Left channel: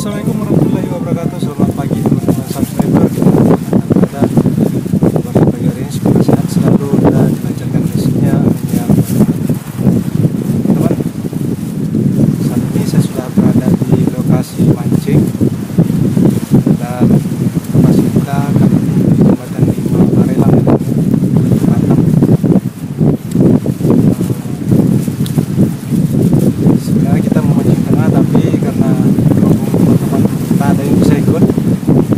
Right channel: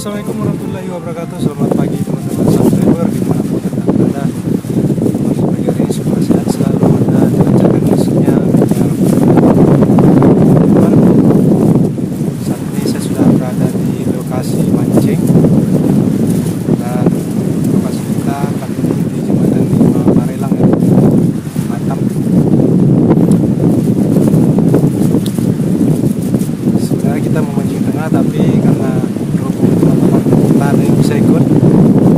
Assalamualaikum warahmatullahi wabarakatuh. Selamat pagi teman-teman subscriber dimanapun anda berada. Pada pagi hari ini semoga sehat selalu dan dilancarkan rezekinya. Ya teman-teman, saat ini saya sudah berada di lokasi mancing dan lokasi kita kali ini di Jembatan 5 Barelang ya, Batam. Sebenarnya kita mau mancing tengah, tapi karena berhubung teman-teman tak ada yang bisa ikut,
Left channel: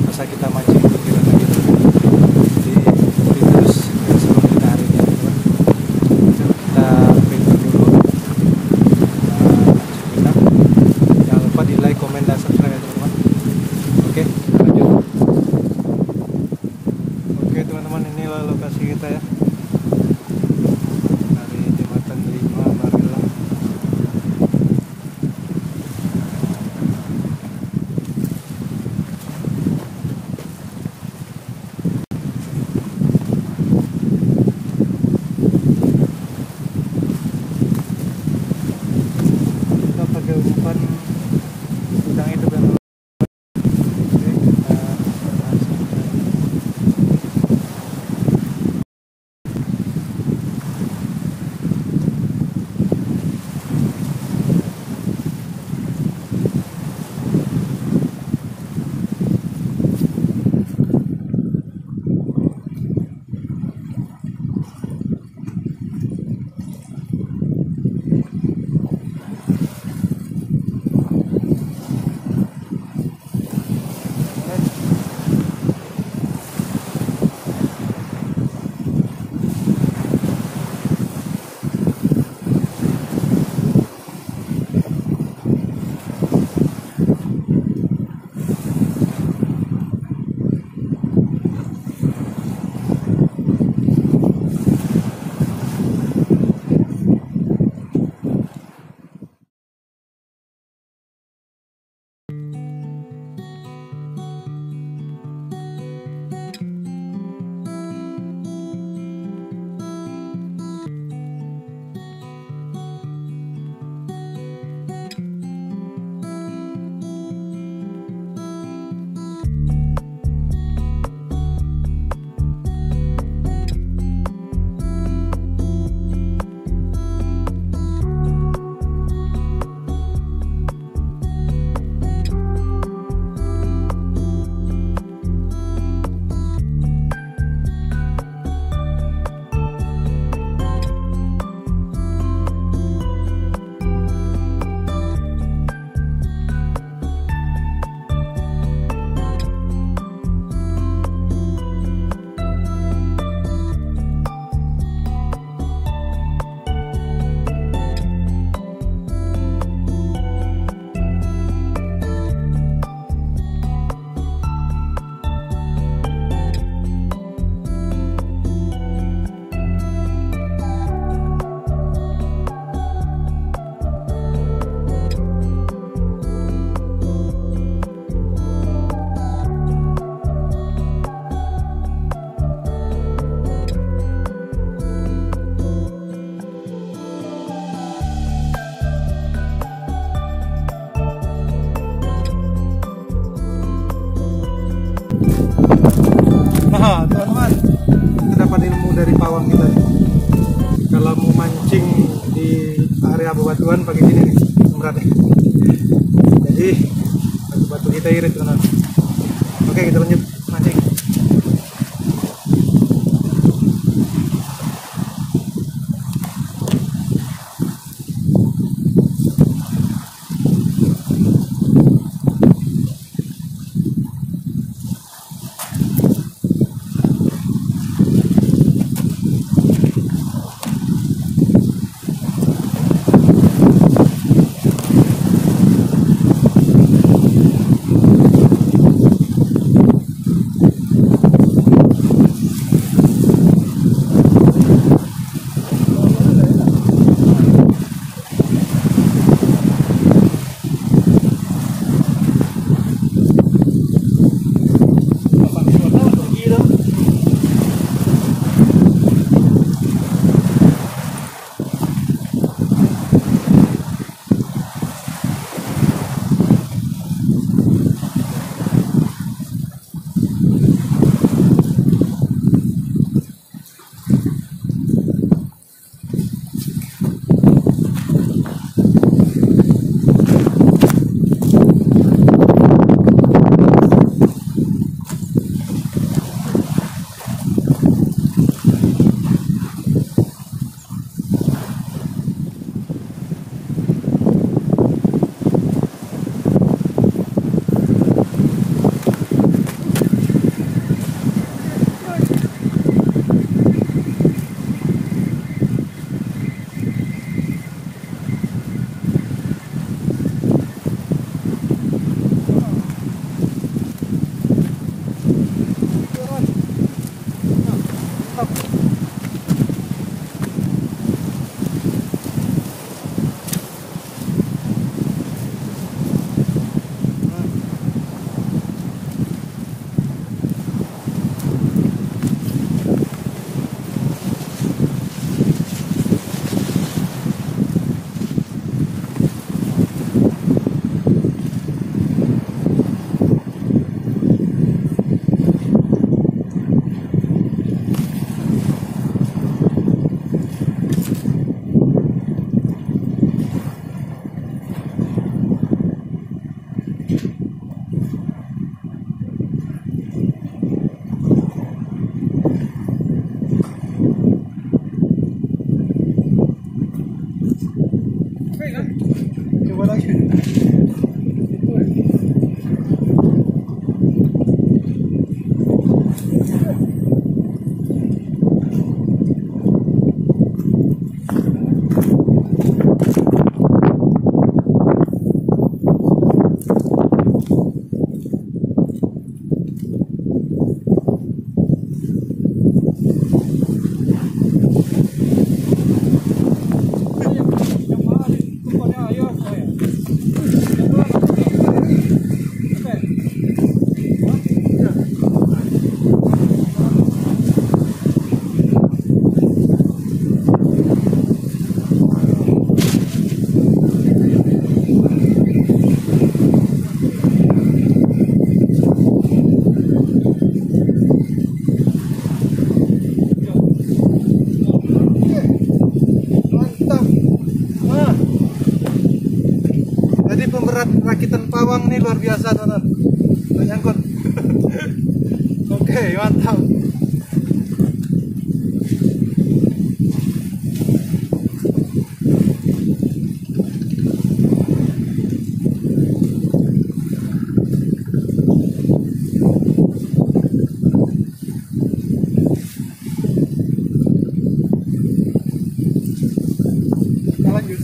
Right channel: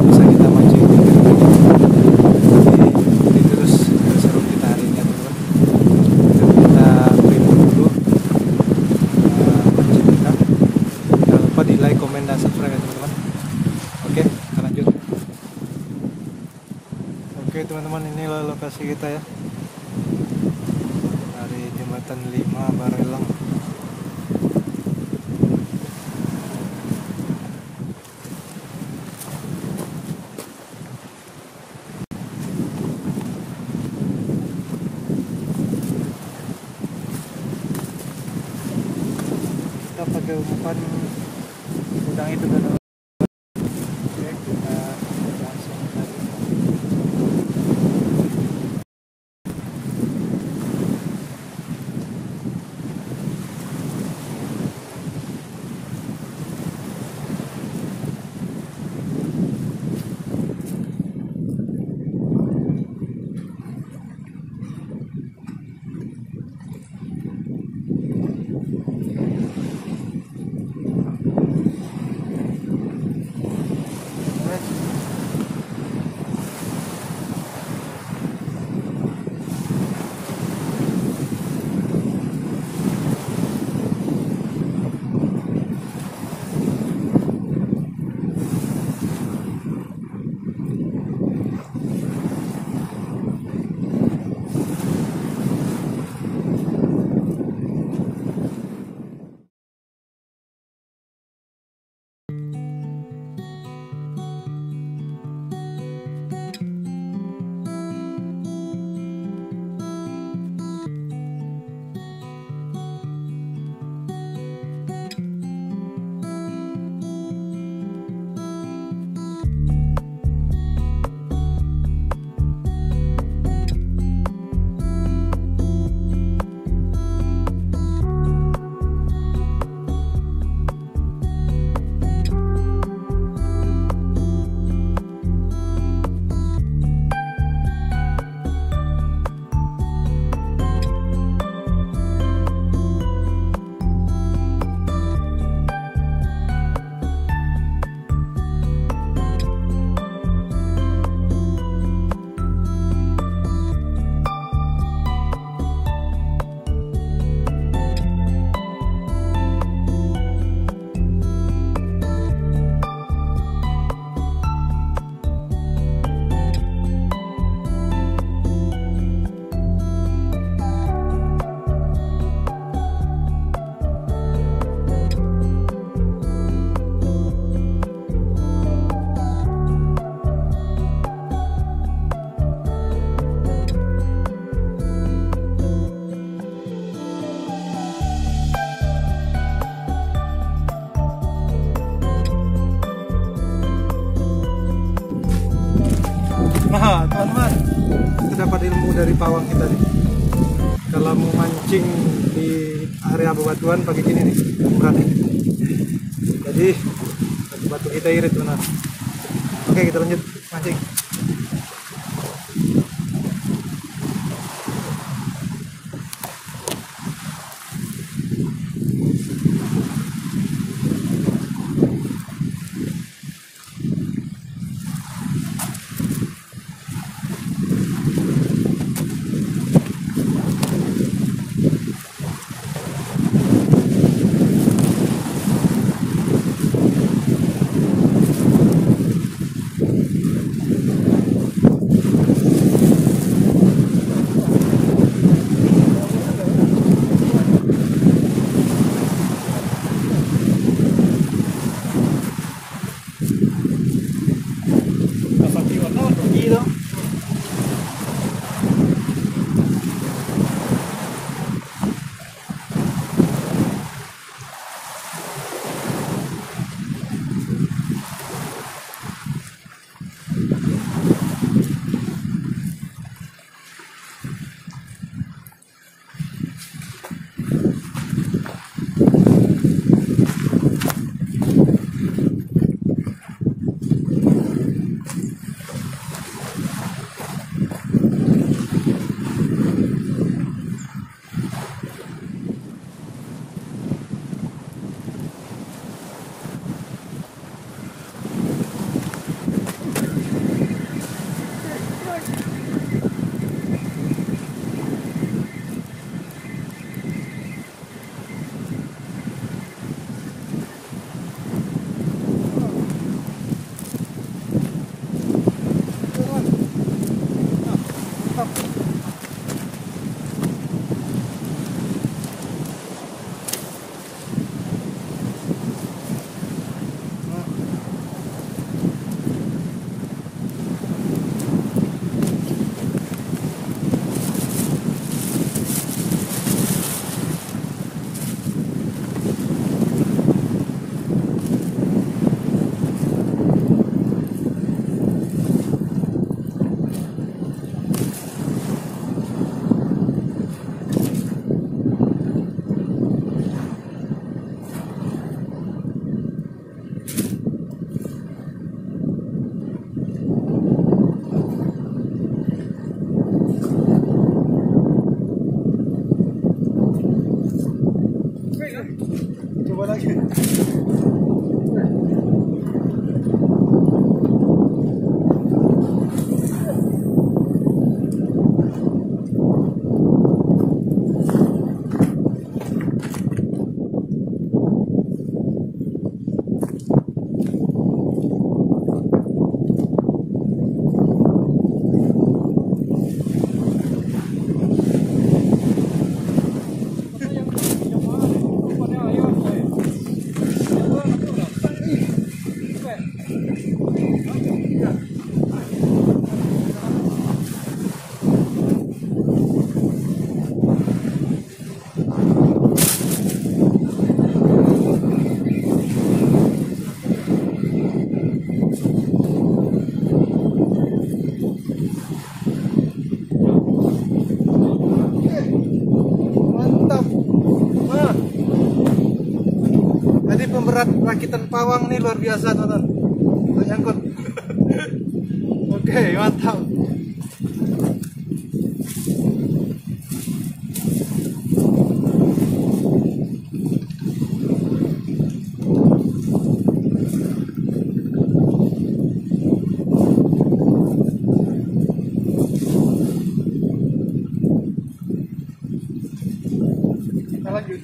masa kita mancing di kiri lagi. Jadi terus seru kita hari ini ya teman-teman. Kita prepare dulu mancing kita. Jangan lupa di like, komen, dan subscribe ya teman-teman. Oke, kita lanjut. Oke teman-teman, inilah lokasi kita ya, dari Jembatan 5 Barelang. Pakai umpan udang itu kan. Oke, teman-teman, kita dapat ilmu dari pawang kita nih. Kalau mau mancing di area bebatuan pakai gini nih, berat nih. Jadi batu-batu kita irit teman-teman. Oke, kita lanjut mancing. mantap. Coba lagi. Jadi pemberat rakitan pawang nih luar biasa, teman-teman. Untuk nyangkut. Oke, mantap. Kita lanjut.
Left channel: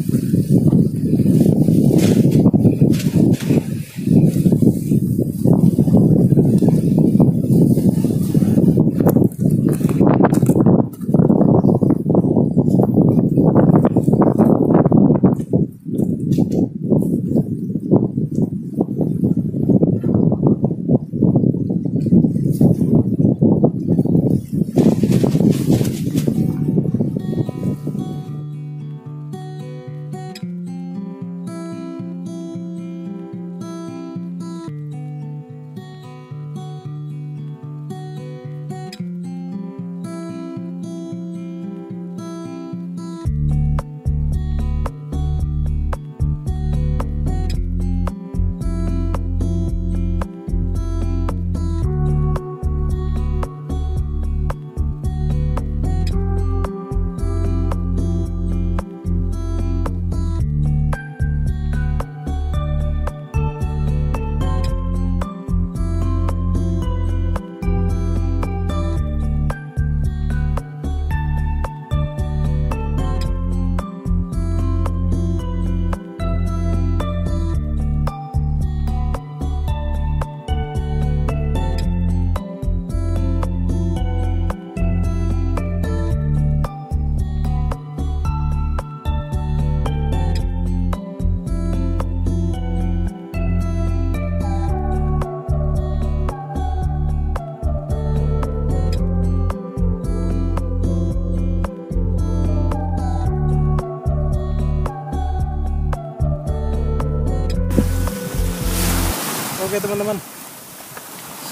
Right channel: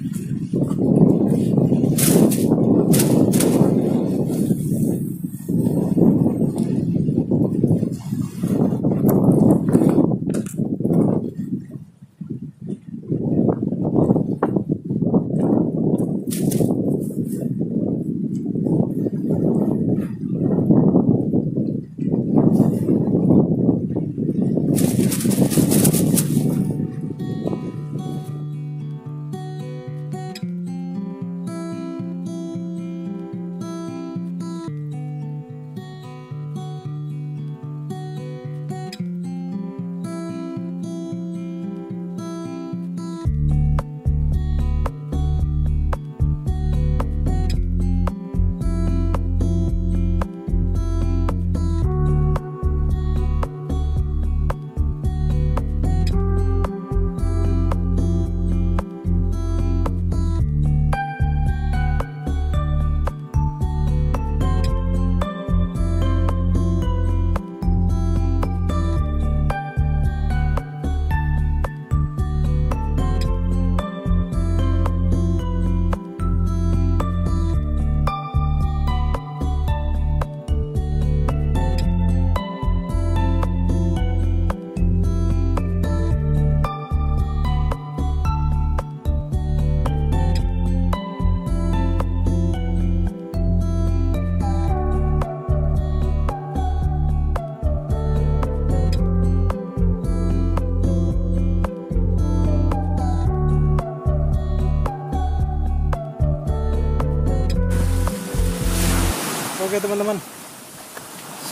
Oke teman-teman,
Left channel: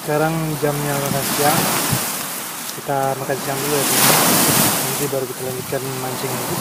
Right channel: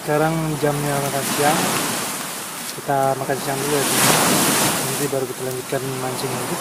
sekarang jamnya makan siang. Kita makan siang dulu ya teman-teman. Nanti baru kita lanjutkan mancing lagi.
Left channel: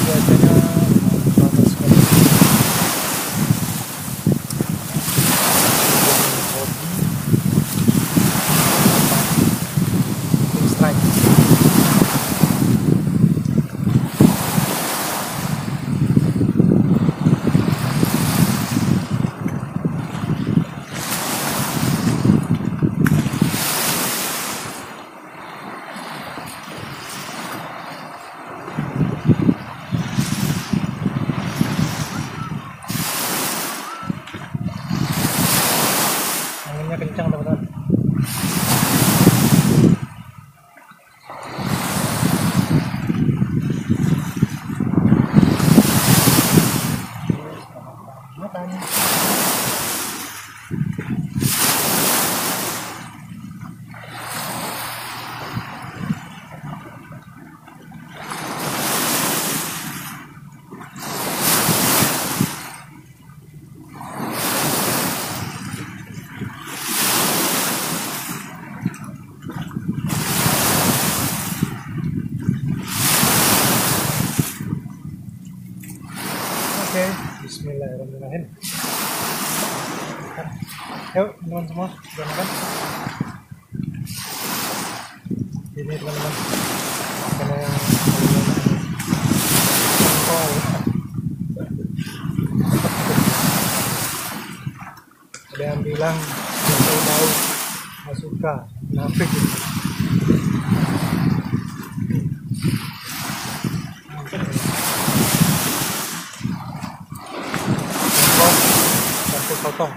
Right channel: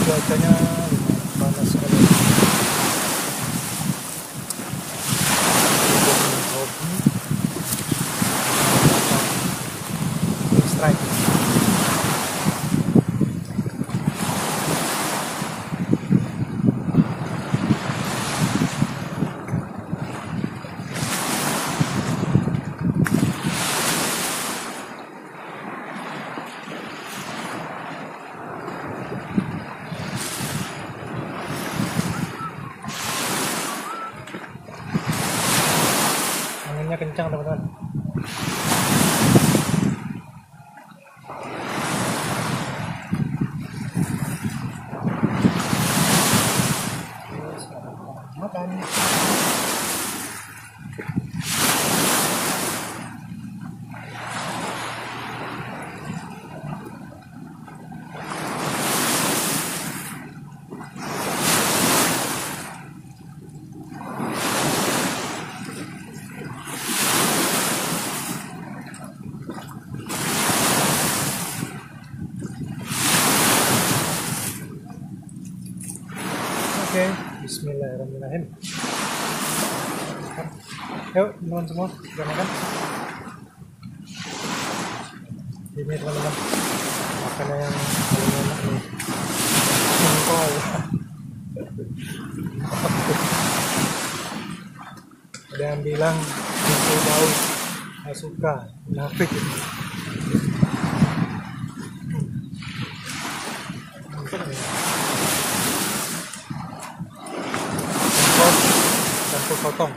Cuacanya lumayan panas sekali. Hujan hobi apa king strike. kencang teman-teman. Makan. Oke, bismillahirrahmanirrahim. Makan. Yuk teman-teman semua, sudah makan? Ini teman-teman, makanan yang paling enak nih, jengkol. Ada yang bilang jengkol bau, nggak suka, kenapa gitu? Jengkol campur sotong.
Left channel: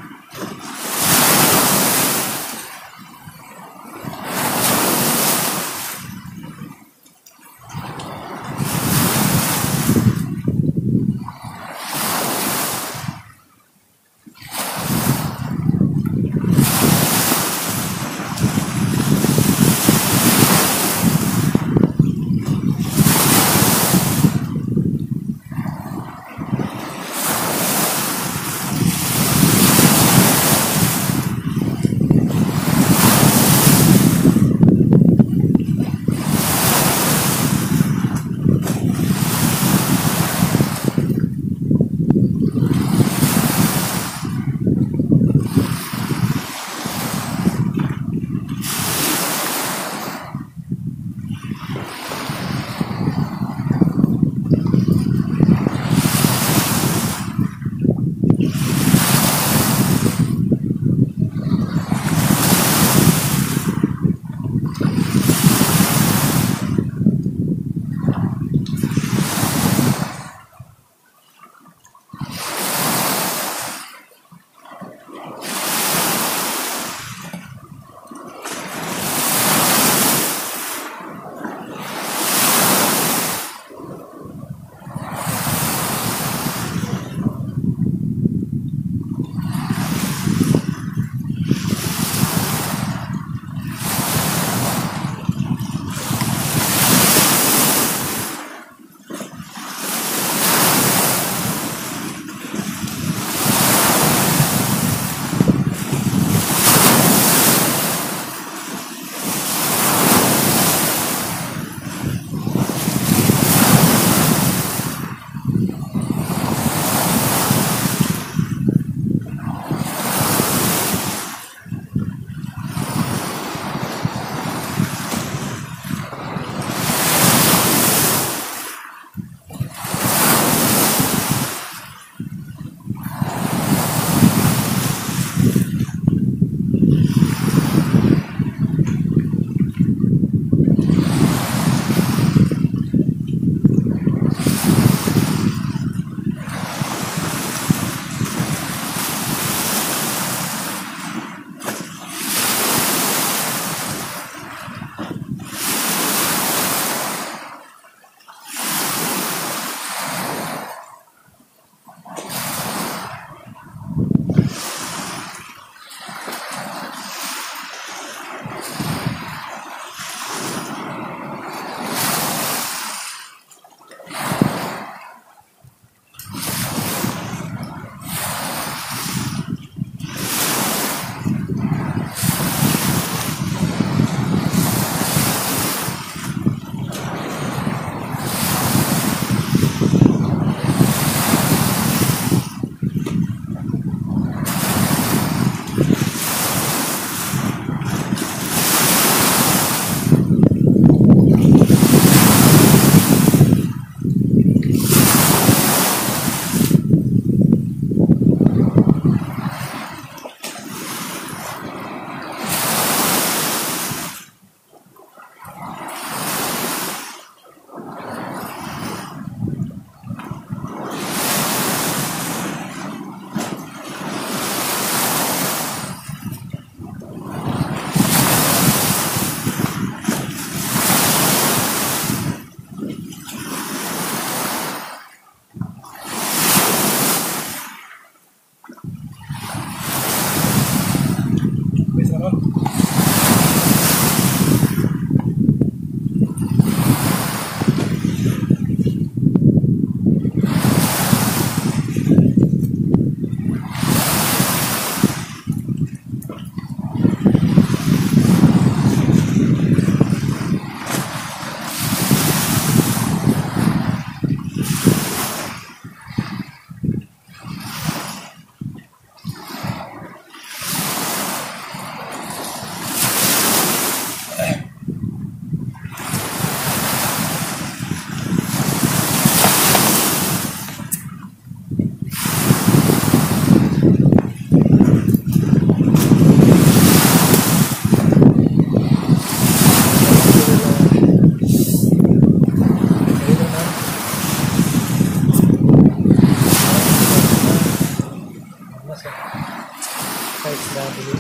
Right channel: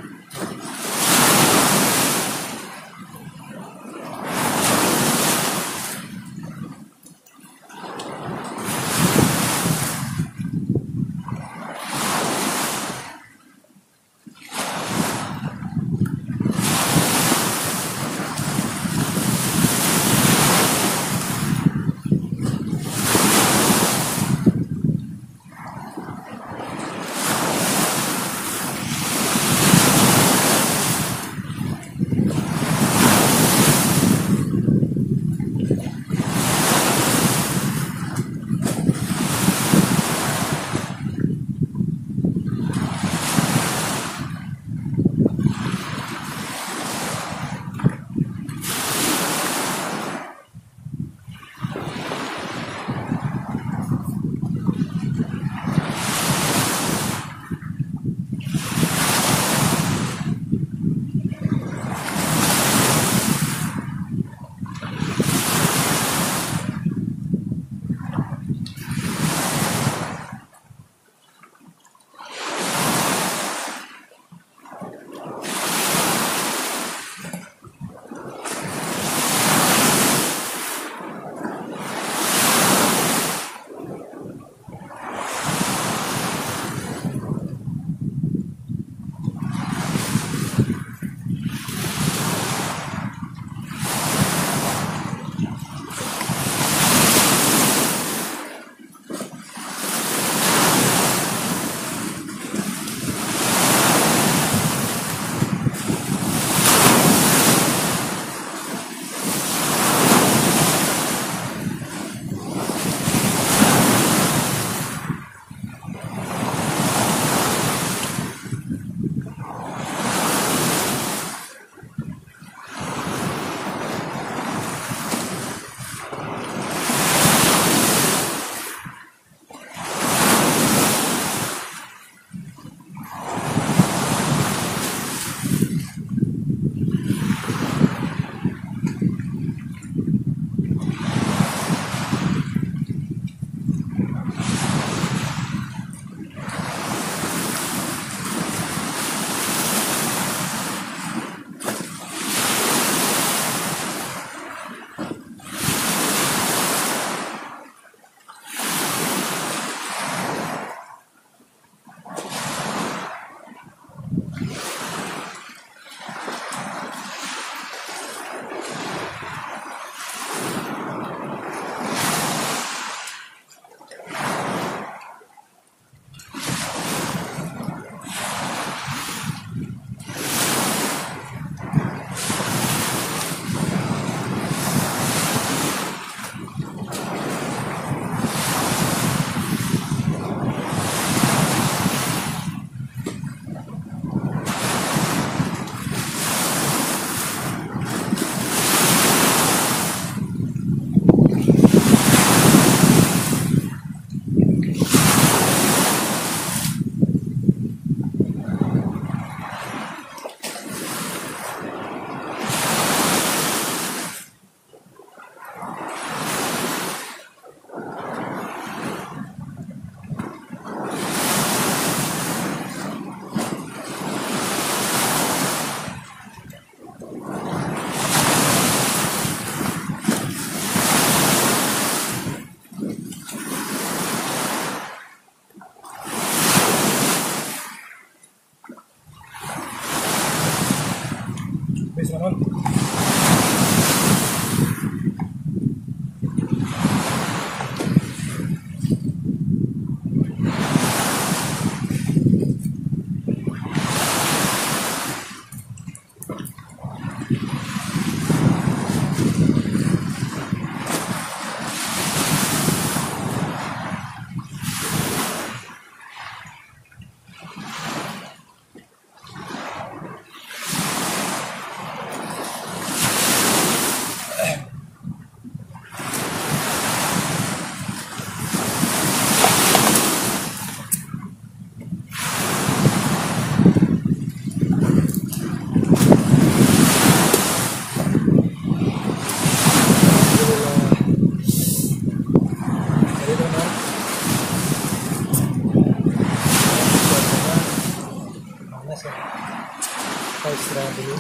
istirahat dulu.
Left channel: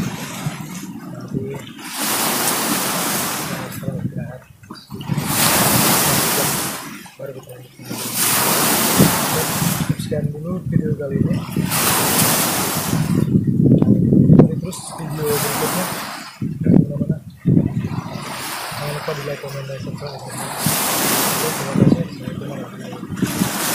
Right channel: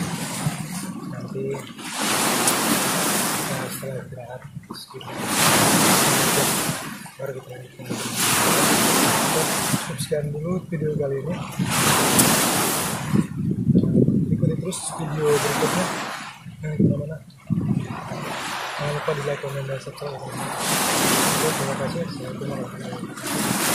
Nanti setelah istirahat sekitar 1 jam baru kita lanjutkan. Dan cukup sekian dulu video kali ini. Ikuti terus video berikutnya. Jangan kemana-mana. Jangan lupa di like, komen, dan subscribe. Oke, terima kasih. Assalamualaikum warahmatullahi wabarakatuh.